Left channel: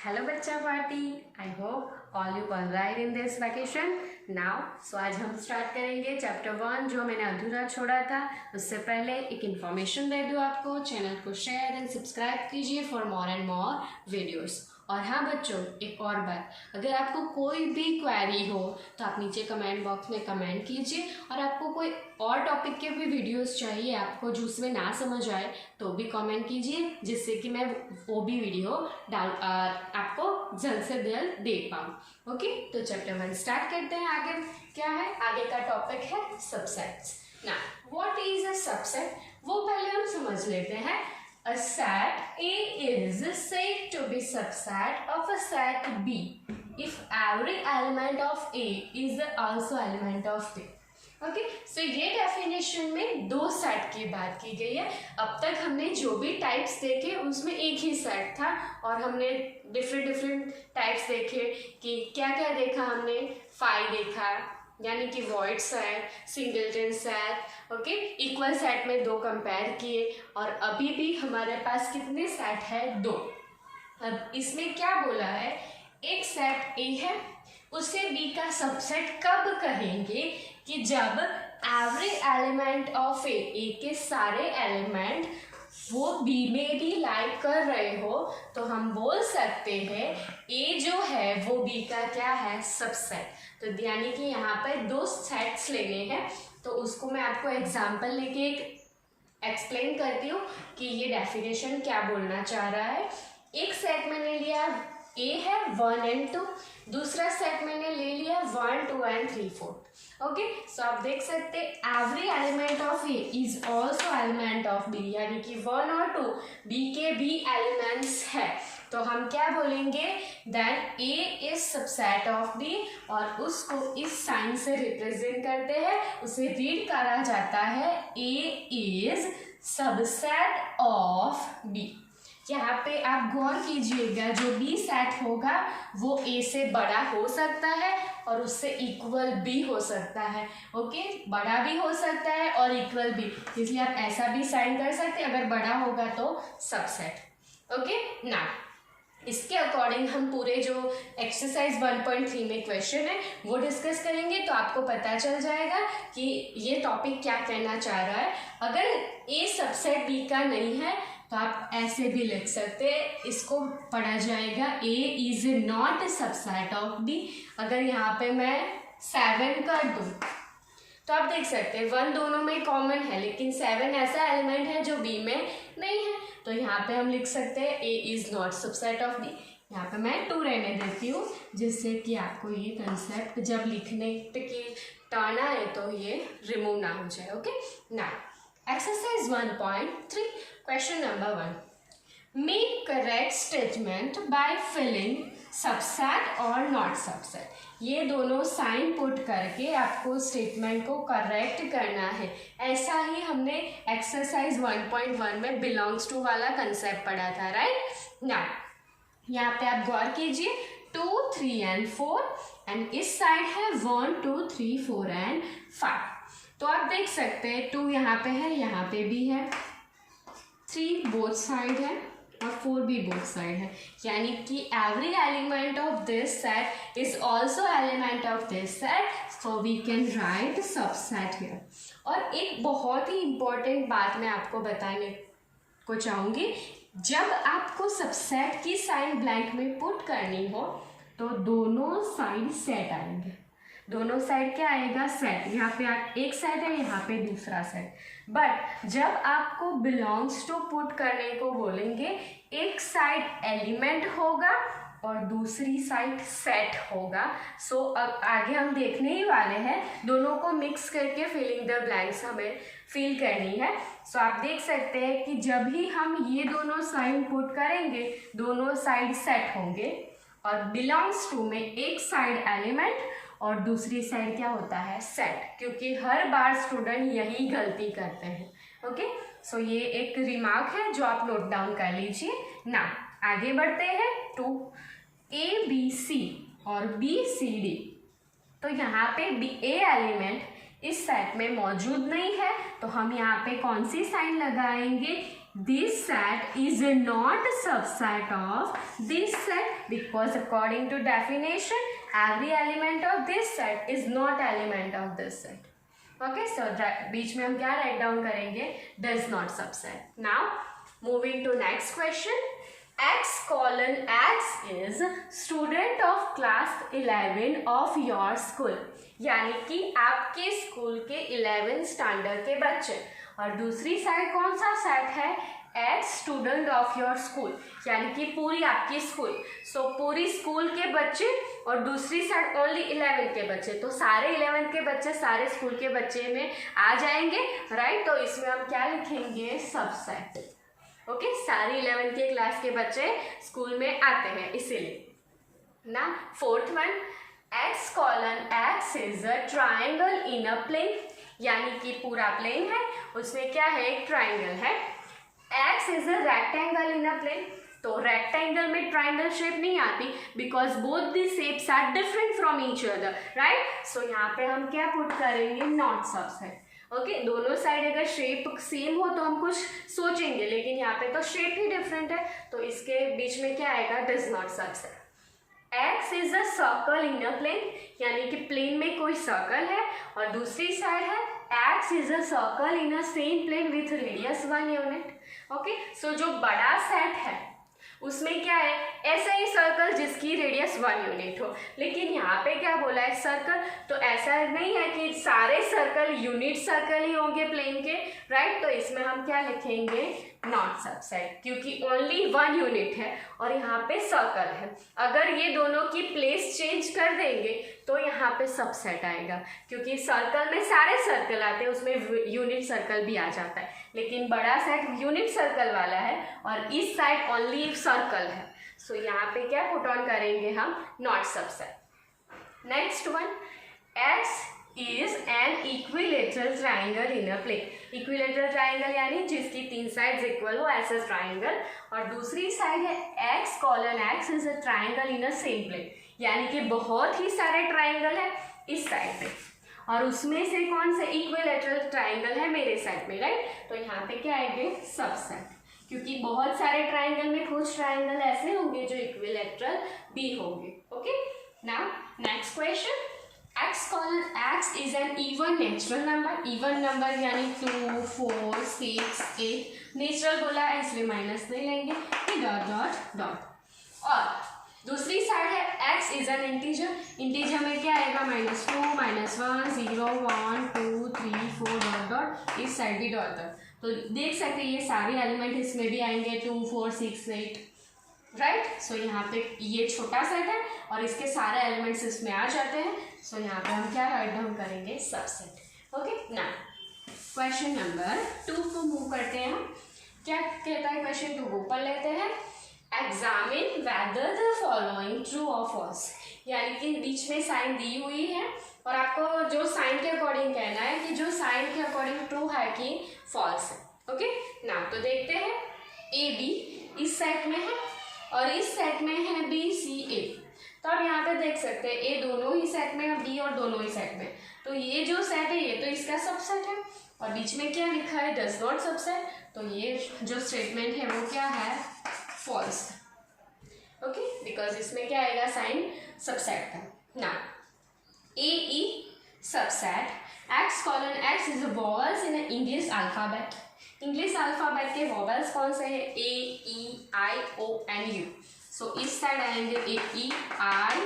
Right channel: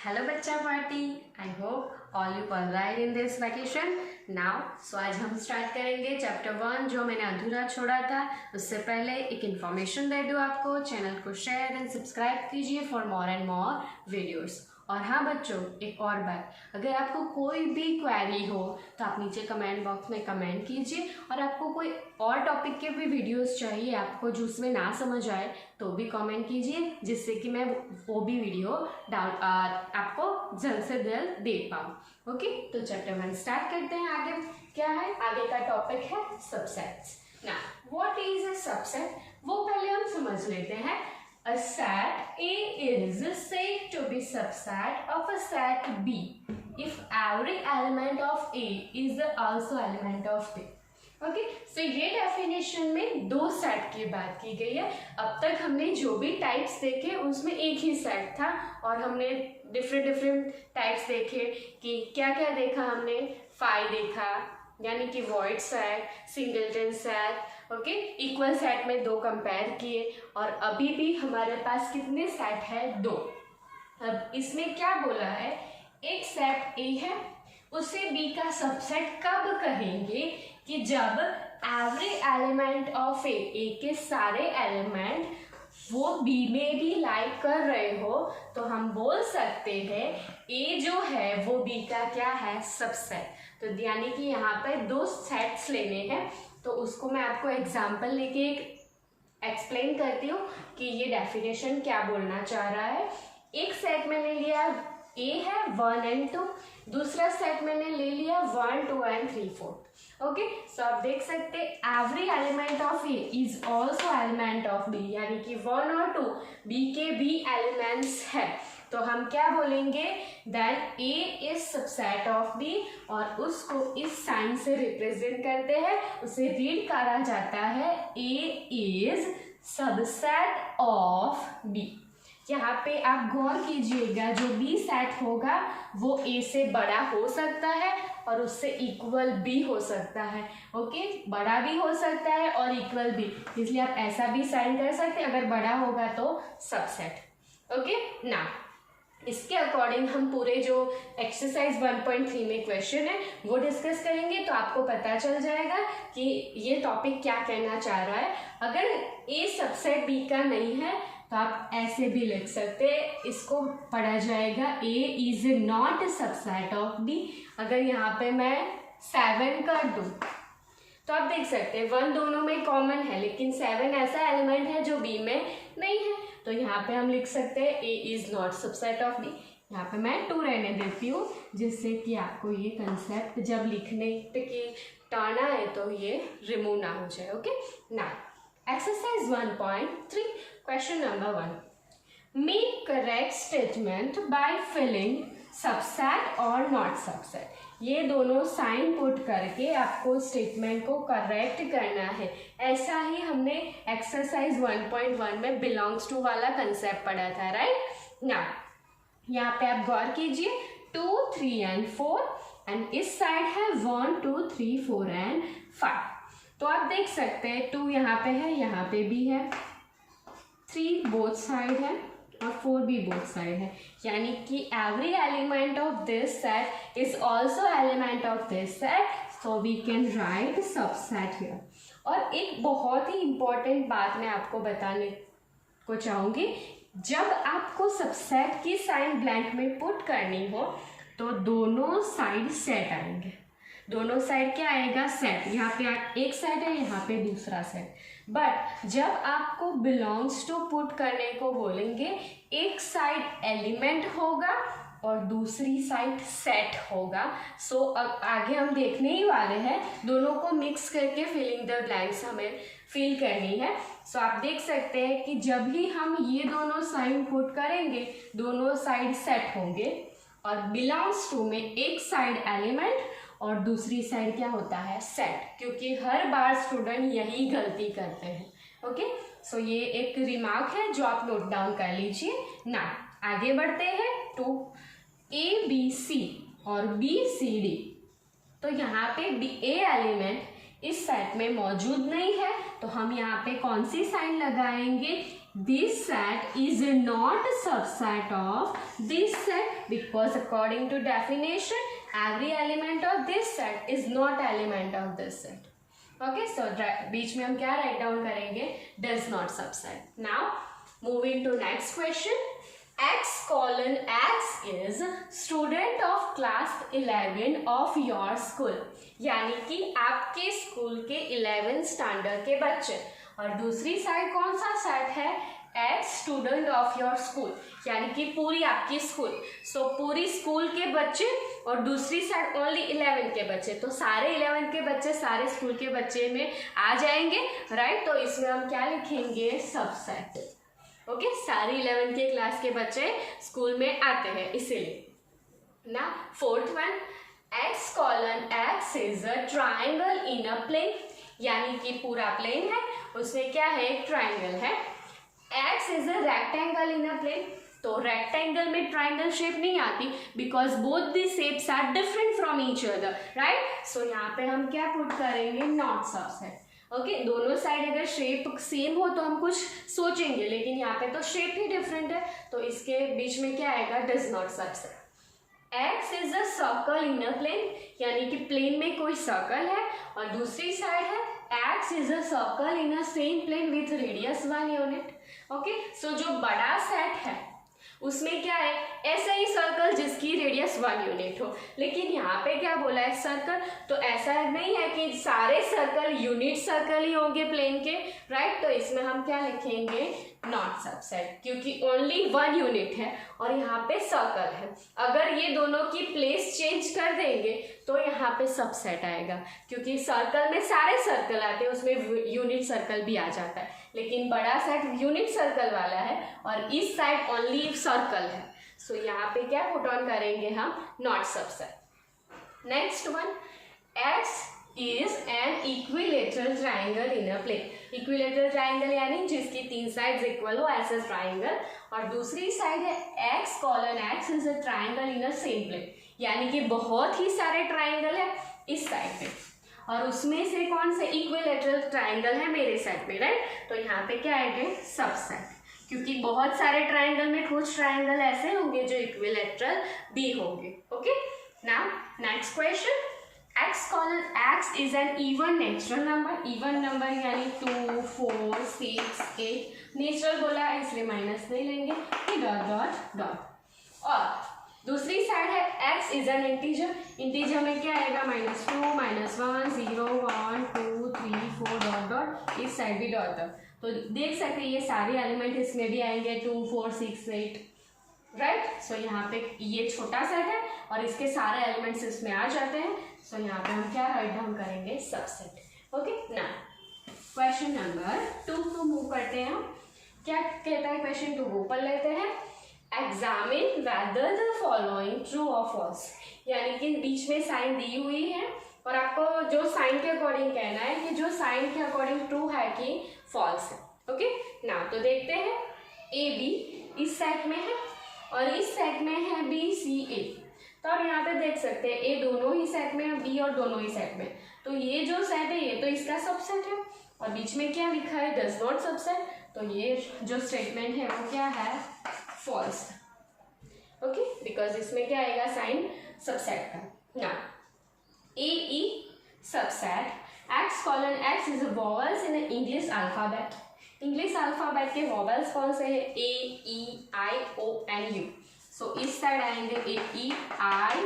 Hello बच्चा party, I hope all you all right in this vacation now. So आज हम start करेंगे chapter 1 जो मैंने अधूरा छोड़ा था। उससे पहले एक इन्फॉर्मेशन दे दूँ आपको, चैनल को शेयर एंड सब्सक्राइब कीजिए for more and more videos. और हाँ बच्चों, एक और बात, अगर आपको कोई भी क्वेरी हो तो आप नीचे कमेंट बॉक्स में कमेंट कीजिए, और आपको कोई और टॉपिक के भी वीडियोस चाहिए आपको जो उसमें ना समझ आए तो भी कमेंट कीजिए, जिससे कि मैं वो भी वीडियो आपको जल्द से जल्द दे पाऊँ। ओके, तो चैप्टर 1 स्टार्ट करते हैं। आगे क्या है, आगे का टॉपिक है सबसेट्स। ना व्हाट इज अ सबसेट, वो पहले हम समझ लेते हैं। A set A is said to be subset of a set B if every element of A is also element of B. Okay, so ये डेफिनेशन में दो सेट की बात की गई है। अब तक हमने जो भी टाइप्स देखे उसमें एक ही सेट था, और हमने डिफरेंट टाइप्स देखे कि क्या क्या देखा हमने। फाई देखा, यानी कि void set, singleton set, okay, equal set में दो कंपेयर किए, और अभी भी हमारे पास कितने सेट है, दो। अब इसमें क्या बोला है, एक सेट ए है, उसे बी का सबसेट कब कहेंगे कि जब एवरी एलिमेंट ऑफ ए के सारे एलिमेंट वो बी में भी लाइक कर रहे हो, तो हम बोल सकते हैं ए जो है वो बी का क्या है, सबसेट। तो यानी कि यहाँ पे दो सेट्स लेने हैं, तो उसको मैं आपको एग्जांपल लेके एक्सप्लेन करती हूँ कि ये डेफिनेशन क्या बोलना चाह रहा है। एक सेट मैंने लिया ए है 1 and 2, दूसरा सेट मैंने ले लिया 1 2 and 3 4। ओके, सो आप देख सकते every element of A is also element of B, यानी कि 1 और 2 बी के भी एलिमेंट्स है। तो हम क्या बोलेंगे, that A is subset of B, और उसको इस साइन से रिप्रेजेंट करते हैं, उसे रीड करा जाता है ए इज सबसेट ऑफ बी। यहाँ पे आप गौर कीजिएगा, जो बी सेट होगा वो ए से बड़ा हो सकता है और उससे इक्वल भी हो सकता है। ओके, बड़ा भी हो सकता है और इक्वल भी, इसलिए आप ऐसा भी साइन कर सकते हैं, अगर बड़ा होगा तो सबसेट। ओके, ना इसके अकॉर्डिंग हम पूरे जो एक्सरसाइज 1.3 में क्वेश्चन है वो डिस्कस करेंगे, तो आपको पता चल जाएगा कि ये टॉपिक क्या कहना चाह रहा है। अगर ए सबसेट बी का नहीं है तो आप ऐसे भी लिख सकते हैं, इसको पढ़ा जाएगा A is not subset of B. अगर यहाँ पे मैं 7 कर दूँ तो आप देख सकते हैं 1 दोनों में कॉमन है, लेकिन 7 ऐसा एलिमेंट है जो बी में नहीं है, तो यहाँ पे हम लिख सकते हैं A is not subset of B. यहाँ पे मैं 2 रहने देती हूँ, जिससे कि आपको ये कंसेप्ट जब लिखने की टर्न आए तो ये रिमूव ना हो जाए। ओके, ना exercise 1.3 question number 1, make correct statement by filling subset और नॉट सबसेट। ये दोनों साइन पुट करके आपको स्टेटमेंट को करेक्ट करना है। ऐसा ही हमने एक्सरसाइज 1.1 में बिलोंग्स टू वाला कंसेप्ट पढ़ा था, राइट। ना यहाँ पे आप गौर कीजिए 2 3 and 4, एंड इस साइड है 1 2 3 4 and 5। तो आप देख सकते हैं 2 यहाँ पे है, यहाँ पे भी है, 3 बोथ साइड है और 4 भी बोथ साइड है, यानी कि every element of this set is also element of this set, so we can write subset here. और एक बहुत ही इंपॉर्टेंट बात मैं आपको बताने को चाहूँगी, जब आपको सबसेट की साइन ब्लैंक में पुट करनी हो तो दोनों साइड सेट आएंगे। दोनों साइड क्या आएगा, सेट। यहाँ पे एक सेट है, यहाँ पे दूसरा सेट। बट जब आपको बिलोंग्स टू पुट करने को बोलेंगे, एक साइड एलिमेंट होगा और दूसरी साइड सेट होगा। सो आगे हम देखने ही वाले हैं, दोनों को मिक्स करके फिलिंग द ब्लैंक्स हमें फिल करनी है। सो आप देख सकते हैं कि जब ही हम ये दोनों साइन पुट करेंगे दोनों साइड सेट होंगे, और बिलोंग्स टू में एक साइड एलिमेंट और दूसरी साइड क्या होता है, सेट, क्योंकि हर बार स्टूडेंट यही गलती करते हैं। ओके, सो ये एक रिमार्क है जो आप नोट डाउन कर लीजिए। ना आगे बढ़ते हैं, 2 A B C और B C D। तो यहाँ पे ए एलिमेंट इस सेट में मौजूद नहीं है, तो हम यहाँ पे कौन सी साइन लगाएंगे, this set is not a subset of this set because according to definition every element of this set is not element of this set. Okay, so बीच में हम क्या write down करेंगे? Does not subset. Now moving to next question. X colon X is student of class 11 of your school. यानी कि आपके school के 11 standard के बच्चे, और दूसरी साइड कौन सा सेट है? X student of your school, यानी कि पूरी आपकी स्कूल. सो पूरी स्कूल के बच्चे और दूसरी साइड ओनली 11 के बच्चे, तो सारे 11 के बच्चे सारे स्कूल के बच्चे में आ जाएंगे, राइट. तो इसमें हम क्या लिखेंगे? सबसेट. ओके, सारे 11 के क्लास के बच्चे स्कूल में आते हैं इसीलिए ना. Fourth one, X colon X is a triangle in a plane, यानी कि पूरा प्लेन है, उसमें क्या है? एक ट्राइंगल है. X is a rectangle in a plane, तो रेक्टेंगल में ट्राइंगल शेप नहीं आती because both the shapes are different from each other, right. So यहाँ पे हम क्या पुट करेंगे? Not subset. ओके, दोनों साइड अगर शेप सेम हो तो हम कुछ सोचेंगे, लेकिन यहाँ पे तो शेप ही डिफरेंट है, तो इसके बीच में क्या आएगा? Does not subset. X is a circle in a plane, यानी कि प्लेन में कोई सर्कल है, और दूसरी साइड है X is a circle in a same plane with radius 1 unit. Okay, so जो बड़ा सेट है उसमें क्या है? ऐसा ही सर्कल जिसकी रेडियस 1 यूनिट हो, लेकिन यहाँ पे क्या बोला है? सर्कल. तो ऐसा नहीं है कि सारे सर्कल यूनिट सर्कल ही होंगे प्लेन के, राइट. तो इसमें हम क्या लिखेंगे? नॉट सबसेट, क्योंकि ओनली 1 यूनिट है और यहाँ पे सर्कल है. अगर ये दोनों की प्लेस चेंज कर देंगे तो यहाँ पे सबसेट आएगा, क्योंकि सर्कल में सारे सर्कल आते हैं, उसमें यूनिट सर्कल भी आ जाता है, लेकिन बड़ा सेट यूनिट सर्कल वाला है और इस साइड ओनली सर्कल है. सो यहाँ पे क्या पुट ऑन करेंगे हम? Not subset. Next one, X is an equilateral triangle in a plane. Equilateral triangle यानी जिसकी 3 साइड्स इक्वल हो, ऐसा ट्राइंगल, और दूसरी साइड है X colon X is a triangle in a same plane, यानी कि बहुत ही सारे ट्राइंगल है इस साइड पे और उसमें से कौन से इक्विलेटरल ट्राइंगल है मेरे साइड पे, राइट. तो यहाँ पे क्या आएंगे? सबसेट, क्योंकि बहुत सारे ट्राइंगल में कुछ ट्राइंगल ऐसे होंगे जो इक्विलेटरल भी होंगे. Okay, now next question. X colon X is an even natural number. even number यानी 2, 4, 6, 8. नेचुरल बोला है इसलिए माइनस नहीं लेंगे, डॉट डॉट डॉट. और दूसरी साइड है X is an integer. Integer में क्या आएगा? -2, -1, 0, 1, 2, 3, 4 डॉट डॉट. इस साइड भी डॉट डॉट. तो देख सकते हैं ये सारे एलिमेंट इसमें भी आएंगे, 2, 4, 6, 8, राइट. सो यहाँ पे ये छोटा सेट है और इसके सारे एलिमेंट्स इसमें आ जाते हैं. सो यहाँ पे हम क्या राइट डाउन करेंगे? सबसेट. ओके, ना क्वेश्चन नंबर 2 को मूव करते हैं हम. क्या कहता है क्वेश्चन 2 को पढ़ लेते हैं. Examine whether the following true और फॉल्स, यानी कि बीच में साइन दी हुई है और आपको जो साइन के अकॉर्डिंग कहना है कि जो साइन के अकॉर्डिंग ट्रू है कि फॉल्स है. ओके, ना तो देखते हैं. ए बी इस सेट में है और इस सेट में है बी सी ए. तो आप यहाँ पे देख सकते हैं ए दोनों ही सेट में है, बी और दोनों ही सेट में. तो ये जो सेट है ये तो इसका सबसेट है और बीच में क्या लिखा है? Does not subset. तो ये जो स्टेटमेंट है वो क्या है? फॉल्स. ओके, बिकॉज इसमें क्या आएगा? साइन सबसेट था ना. A E subset X colon X is vowels in English alphabet. English alphabet के वॉवल्स कौन से हैं? ए ई आई ओ एन यू. सो इस साइड आएंगे ए ई आई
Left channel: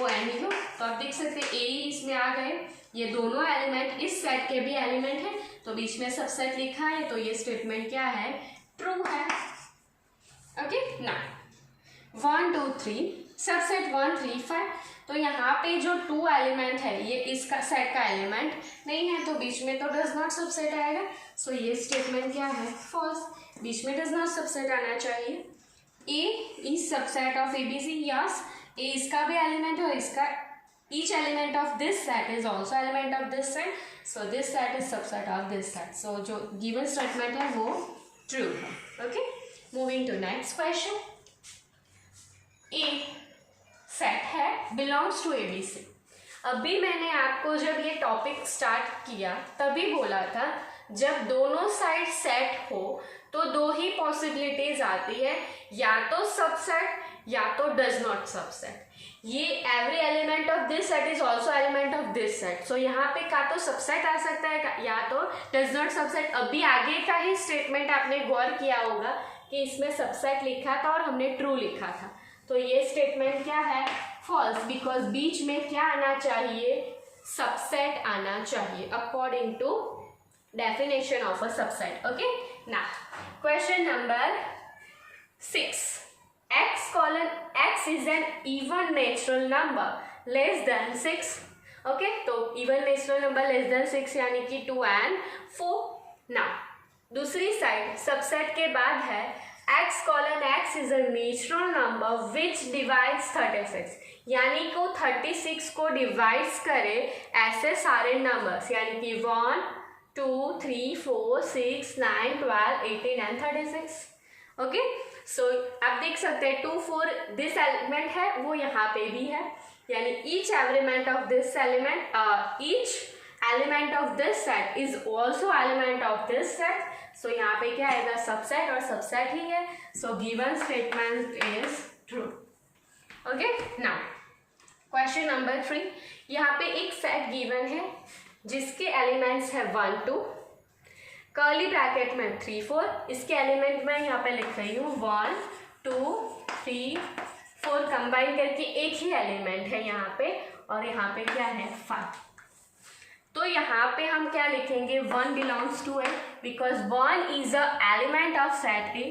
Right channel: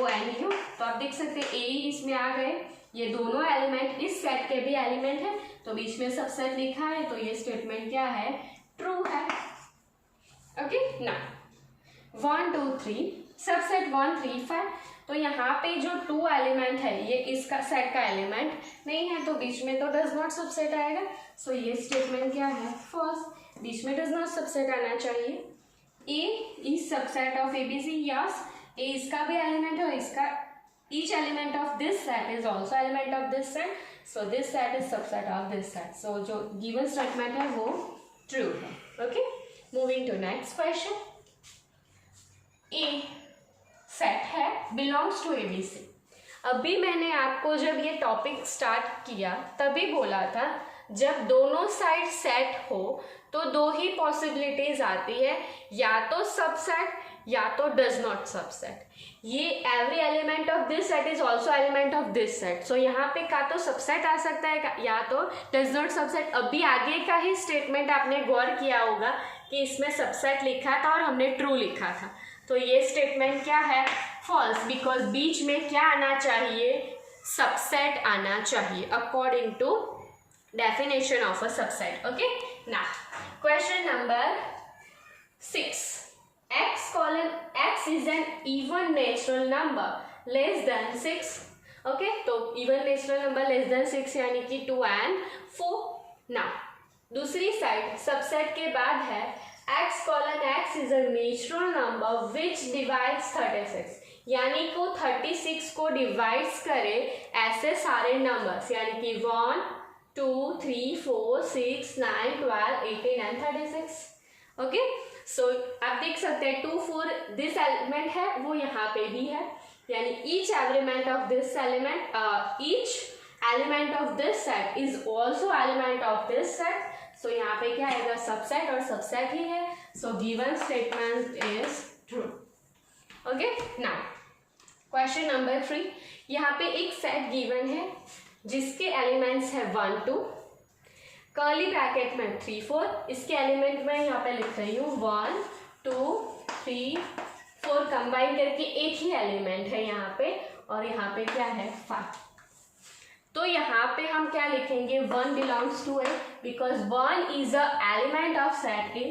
ओ एन यू. तो आप देख सकते हैं ए इसमें आ गए. ये दोनों एलिमेंट इस सेट के भी एलिमेंट है, तो बीच में सबसेट लिखा है, तो ये स्टेटमेंट क्या है? ट्रू है. ओके, ना 1 2 3 सबसेट 1 3 5. तो यहाँ पे जो 2 एलिमेंट है ये इसका सेट का एलिमेंट नहीं है, तो बीच में तो डज नॉट सबसेट आएगा. सो ये स्टेटमेंट क्या है? फॉल्स. बीच में डज नॉट सबसेट आना चाहिए. A is subset of A B C. Yes, A इसका भी एलिमेंट है और इसका each element of this set is also element of this set. So this set is subset of this set. So जो given statement है वो true है. Okay, moving to next question. A set है belongs to ABC. अभी मैंने आपको जब ये टॉपिक स्टार्ट किया तभी बोला था जब दोनों साइड सेट हो तो दो ही पॉसिबिलिटीज आती है, या तो सबसेट या तो डज नॉट सबसेट। ये every element of this set is also element of this set. So यहाँ पे का तो सबसेट आ सकता है या तो डज नॉट सबसेट। अभी आगे का ही स्टेटमेंट आपने गौर किया होगा कि इसमें सबसेट लिखा था और हमने ट्रू लिखा था, तो ये स्टेटमेंट क्या है, फॉल्स, बिकॉज बीच में क्या आना चाहिए, सबसेट आना चाहिए according to definition of a subset. Okay, now question number 6, x is an even natural number less than 6। Okay, तो even natural number less than 6 यानी कि 2 and 4। नाउ दूसरी साइड सबसेट के बाद है x is a natural number which divides 36, यानी को 36 को डिवाइड्स करे ऐसे सारे नंबर्स, यानी कि 1 2 3 4 6 9 12 18 and 36। ओके, सो आप देख सकते हैं 2 4 दिस एलिमेंट है वो यहाँ पे भी है, यानी each element of this element each element of this set is also element of this set. So यहाँ पे क्या आएगा, सबसेट, और सबसेट ही है, so given statement is true. Okay, now question number 3, यहाँ पे एक सेट गिवन है जिसके एलिमेंट्स है 1 2, कर्ली ब्रैकेट में 3 4, इसके एलिमेंट में यहाँ पे लिख रही हूँ 1 2 3 4 कंबाइन करके एक ही एलिमेंट है यहाँ पे, और यहाँ पे क्या है 5। तो यहाँ पे हम क्या लिखेंगे, 1 belongs to A because 1 is a element of set A,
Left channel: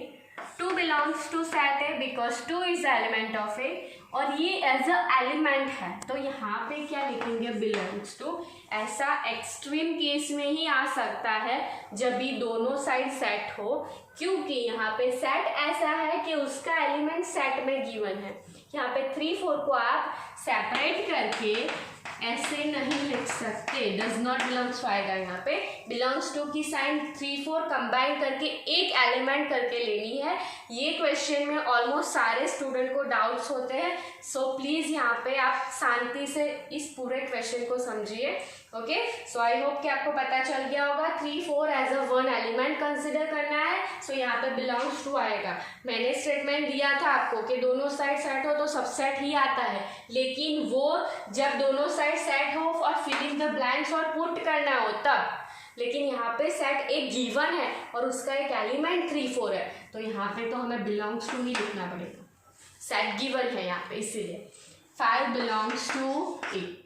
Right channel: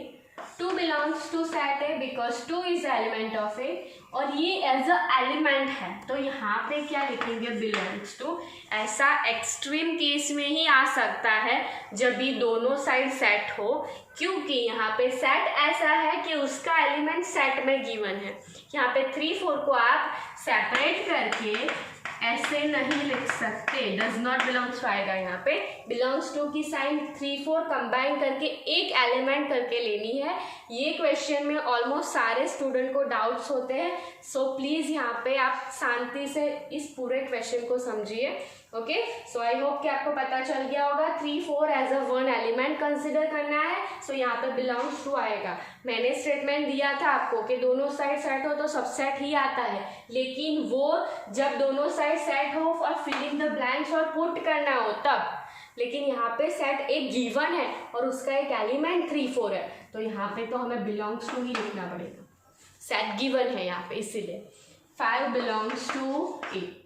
2 belongs to set A because 2 is element of A, और ये एज अ एलिमेंट है, तो यहाँ पे क्या लिखेंगे, बिलोंग्स टू। ऐसा एक्सट्रीम केस में ही आ सकता है जब भी दोनों साइड सेट हो, क्योंकि यहाँ पे सेट ऐसा है कि उसका एलिमेंट सेट में गिवन है। यहाँ पे 3 4 को आप सेपरेट करके ऐसे नहीं लिख सकते, डज नॉट बिलोंग्स टू आएगा, यहाँ पे बिलोंग्स टू की साइन 3 4 कंबाइन करके एक एलिमेंट करके लेनी है। ये क्वेश्चन में ऑलमोस्ट सारे स्टूडेंट को डाउट्स होते हैं, सो प्लीज़ यहाँ पे आप शांति से इस पूरे क्वेश्चन को समझिए। ओके, सो आई होप कि आपको पता चल गया होगा 3 4 एज अ 1 एलिमेंट कंसिडर करना है, सो यहाँ पे बिलोंग्स टू आएगा। मैंने स्टेटमेंट दिया था आपको कि दोनों साइड सेट हो तो सबसेट ही आता है, लेकिन वो जब दोनों साइड सेट हो और फिल इन द ब्लैंक्स और पुट करना हो तब, लेकिन यहाँ पे सेट एक गिवन है और उसका एक एलिमेंट 3 4 है, तो यहाँ पे तो हमें बिलोंग्स टू ही लिखना पड़ेगा, सेट गिवन है यहाँ पे, इसीलिए 5 बिलोंग्स टू ए।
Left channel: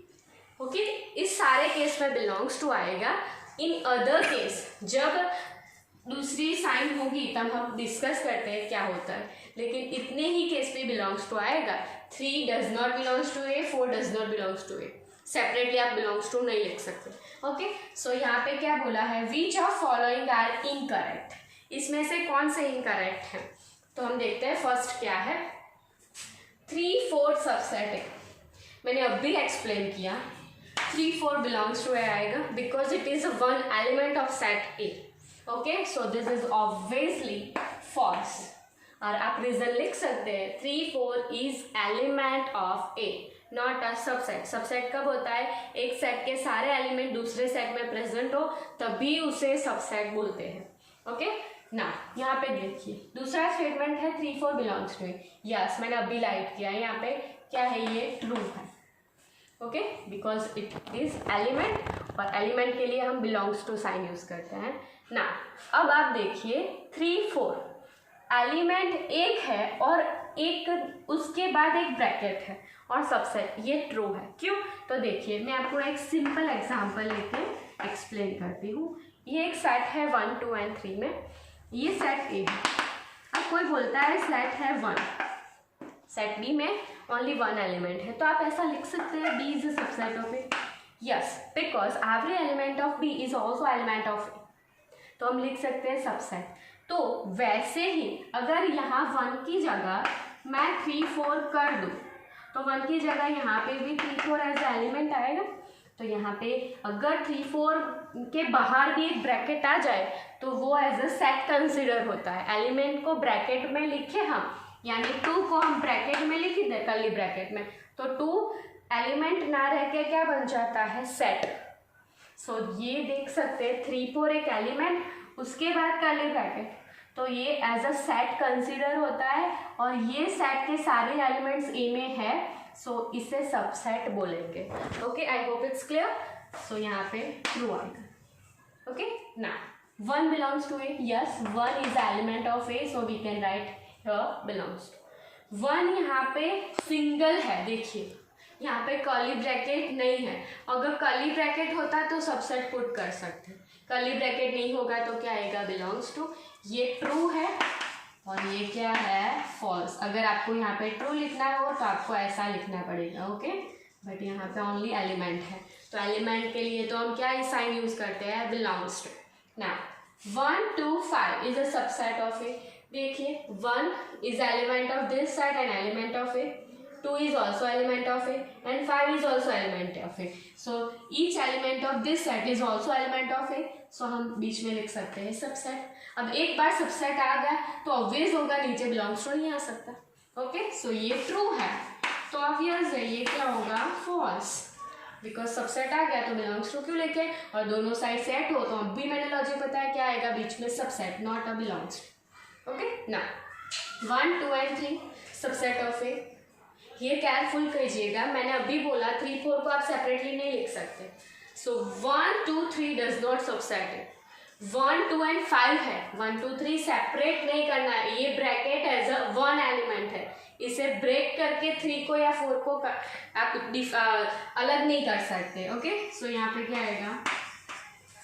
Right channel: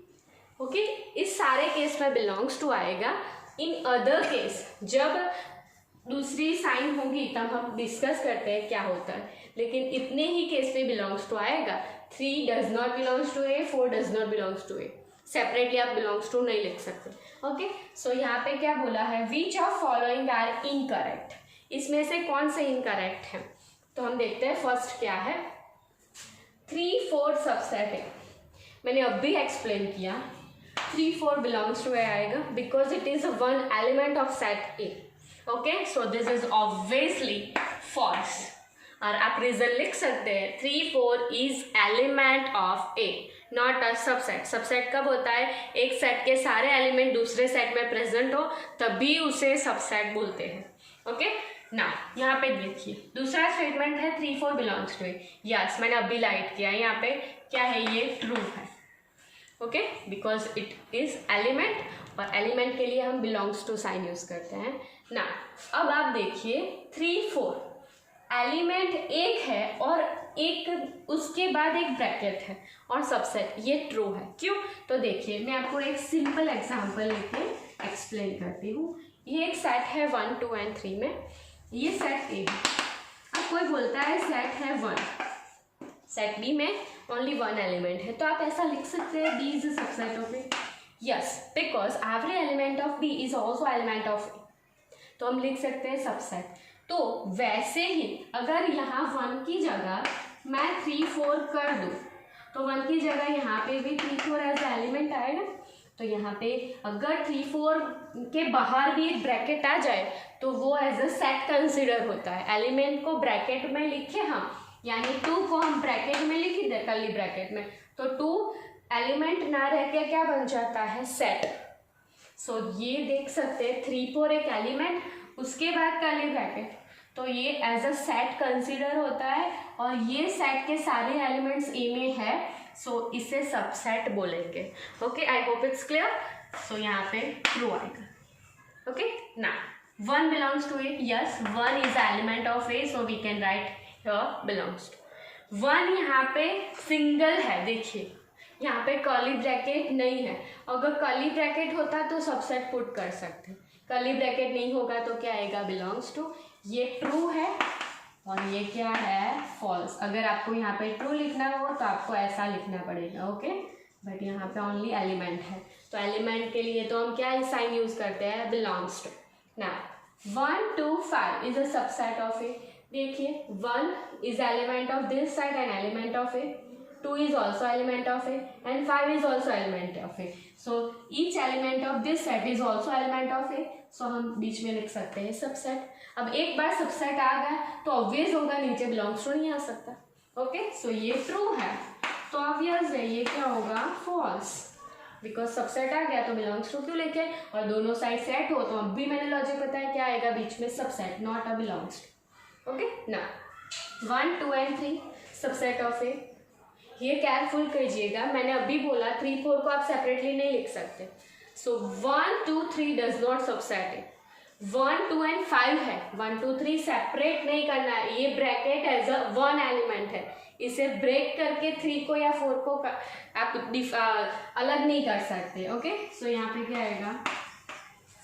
ओके, इस सारे केस में बिलोंग्स टू आएगा। इन अदर केस जब दूसरी साइन होगी तब हम डिस्कस करते हैं क्या होता है, लेकिन इतने ही केस पे बिलोंग्स टू आएगा। 3 does not belongs to A, 4 does not belongs to A, separately आप बिलोंग्स टू नहीं लिख सकते। ओके, सो यहाँ पे क्या बोला है, which of following are incorrect, इसमें से कौन से इनकरेक्ट है, तो हम देखते हैं फर्स्ट क्या है, 3 4 सबसेट है, मैंने अब भी एक्सप्लेन किया 3 4 बिलोंग्स टू ए आएगा because it is 1 element of set A. Okay, so this is obviously false, और आप रीजन लिख सकते हैं 3 4 is element of A not a subset. Subset कब होता है, एक सेट के सारे एलिमेंट दूसरे सेट में प्रेजेंट हो तभी उसे सबसेट बोलते हैं। ओके, ना यहाँ पे देखिए दूसरा स्टेटमेंट है 3 4 बिलोंग्स टू ए, यस मैंने अभी लाइट किया, यहाँ पे क्या है, ये ट्रू है। Okay, because it is element, और एलिमेंट के लिए हम बिलोंग्स टू साइन यूज करते हैं ना। अब आप देखिए 3 4 एलिमेंट एक है और एक उसके बाद एक ब्रैकेट है और सबसेट, ये ट्रू है। क्यों, तो देखिए मैं आपको एक सिंपल एग्जांपल लेके एक्सप्लेन करती हूँ। ये एक सेट है 1 2 and 3 में, ये सेट ए है, अब कोई बोलता है सेट है 1, सेट बी में ओनली 1 एलिमेंट है, तो आप ऐसा लिख सकते हैं B is a subset of A, yes because every element of B is also element of A, तो हम लिख सकते हैं सबसेट। तो वैसे ही अगर यहाँ 1 की जगह मैं 3 4 कर दूँ तो 1 की जगह यहाँ पे भी 3 4 एज एलिमेंट आएगा, तो यहाँ पे अगर 3 4 के बाहर भी एक ब्रैकेट आ जाए तो वो एज अ सेट कंसिडर होता है। एलिमेंट को ब्रैकेट में लिखे हम, यानी 2 को हम ब्रैकेट में लिख दे कर्ली ब्रैकेट में, तो 2 एलिमेंट ना रह के क्या बन जाता है, सेट। सो ये देख सकते हैं 3 4 एक एलिमेंट, उसके बाद कर्ली ब्रैकेट, तो ये एज अ सेट कंसीडर होता है और ये सेट के सारे एलिमेंट्स ए में है, सो इसे सबसेट बोलेंगे। Okay, I hope it's clear. So यहाँ पे ट्रू आएगा। ओके, ना 1 belongs to A, yes 1 is the element of A, so we can write here belongs to 1। यहाँ पे सिंगल है, देखिए यहाँ पे कर्ली ब्रैकेट नहीं है, अगर कर्ली ब्रैकेट होता तो सबसेट पुट कर सकते, कर्ली ब्रैकेट नहीं होगा तो क्या आएगा, बिलोंग्स टू। ये ट्रू है और ये क्या है, फॉल्स। अगर आपको यहाँ पे ट्रू लिखना हो तो आपको ऐसा लिखना पड़ेगा। ओके, बट यहाँ पे ओनली एलिमेंट है, तो एलिमेंट के लिए तो हम क्या साइन यूज करते हैं, बिलोंग्स टू। ना 1 2 5 इज अ सबसेट ऑफ ए। देखिए 1 is element of this set and element of A, 2 is also element of A and 5 is also element of A. So each element of this set is also element of A. So हम बीच में लिख सकते हैं subset. अब एक बार subset आ गया तो obvious होगा नीचे बिलोंग्स टू नहीं आ सकता। ओके, सो ये ट्रू है तो ऑब्वियस है ये क्या होगा, फॉल्स, बिकॉज सबसेट आ गया तो बिलोंग्स टू क्यों लेके, और दोनों साइड सेट हो तो अब भी मैंने लॉजिक बताया क्या आएगा बीच में, subset, not a belongs. Okay, ना 1 2 and 3 सबसेट ऑफ ए। ये केयरफुल कीजिएगा, मैंने अभी बोला 3 4 को आप सेपरेटली नहीं लिख सकते। सो 1 2 3 does not subset it. 1 2 and 5 है, 1 2 3 सेपरेट नहीं करना है, ये ब्रैकेट एज अ 1 एलिमेंट है, इसे ब्रेक करके 3 को या 4 को आप अलग नहीं कर सकते। ओके, सो यहाँ पे क्या आएगा,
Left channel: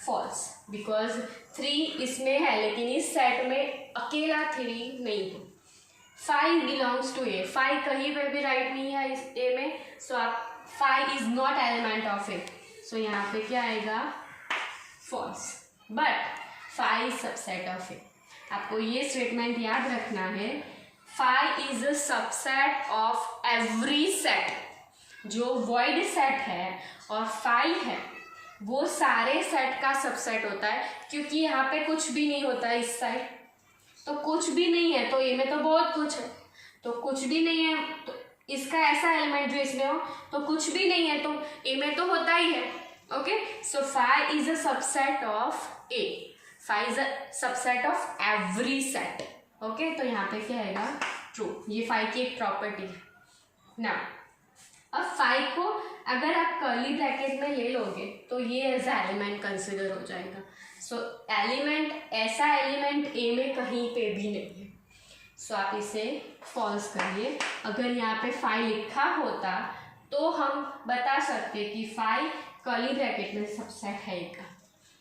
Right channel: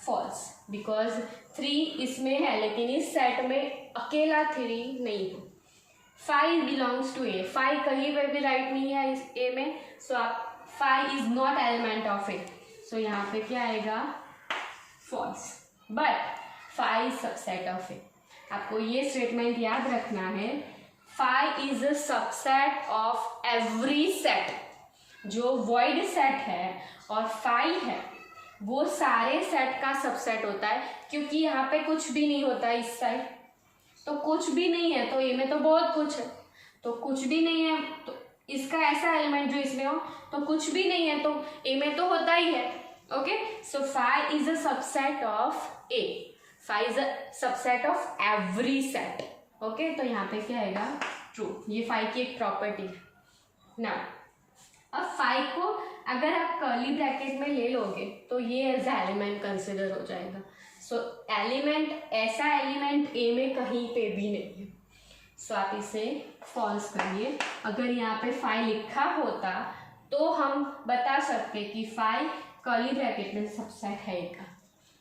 फॉल्स, बिकॉज 3 इसमें है लेकिन इस सेट में अकेला 3 नहीं है। 5 बिलोंग्स टू ए, 5 कहीं पर भी राइट नहीं है इस ए में, सो आप 5 इज नॉट एलिमेंट ऑफ ए, सो यहाँ पे क्या आएगा, फॉल्स, बट 5 सबसेट ऑफ ए। आपको ये स्टेटमेंट याद रखना है, 5 is a subset of every set. जो वॉइड सेट है और 5 है वो सारे सेट का सबसेट होता है, क्योंकि यहाँ पे कुछ भी नहीं होता है, इस साइड तो कुछ भी नहीं है, तो ए में तो बहुत कुछ है, तो कुछ भी नहीं है तो इसका ऐसा एलिमेंट जो इसमें हो, तो कुछ भी नहीं है तो ए में तो होता ही है। Okay, so 5 is a subset of A, 5 is a subset of every set. Okay, तो यहाँ पे क्या आएगा, ट्रू, ये 5 की एक प्रॉपर्टी है ना। अब 5 को अगर आप कर्ली ब्रैकेट में ले लोगे तो ये एज ए एलिमेंट कंसिडर हो जाएगा। सो एलिमेंट, ऐसा एलिमेंट ए में कहीं पे भी नहीं है, सो आप इसे फॉल्स करिए। अगर यहाँ पे 5 लिखा होता तो हम बता सकते कि 5 कर्ली ब्रैकेट में सबसेट है का।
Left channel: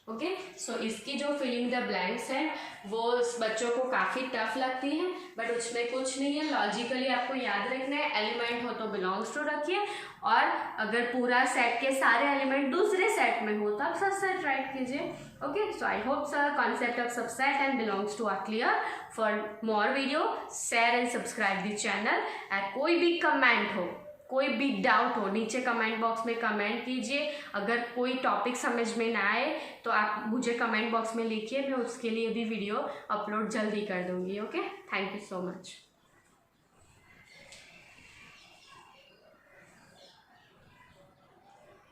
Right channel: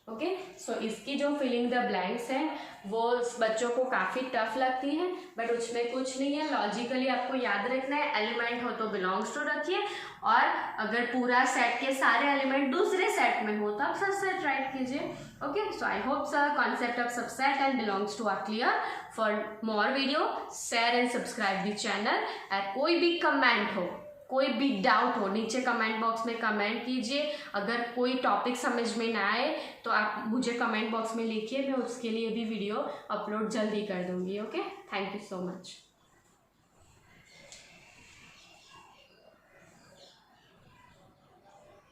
ओके, सो इसकी जो फिलिंग द ब्लैंक्स है वो बच्चों को काफ़ी टफ लगती है, बट उसमें कुछ नहीं है, लॉजिकली आपको याद रखना है, एलिमेंट हो तो बिलोंग्स टू रखिए, और अगर पूरा सेट के सारे एलिमेंट दूसरे सेट में हो तब सबसेट राइट कीजिए। Okay, so I hope sir concept of subset and belongs to are clear. For more video share and subscribe the channel. कोई भी कमेंट हो, कोई भी डाउट हो, नीचे कमेंट बॉक्स में कमेंट कीजिए। अगर कोई टॉपिक समझ में ना आए तो आप मुझे कमेंट बॉक्स में लिखिए, मैं उसके लिए भी वीडियो अपलोड जल्दी कर दूँगी। Okay, thank you so much.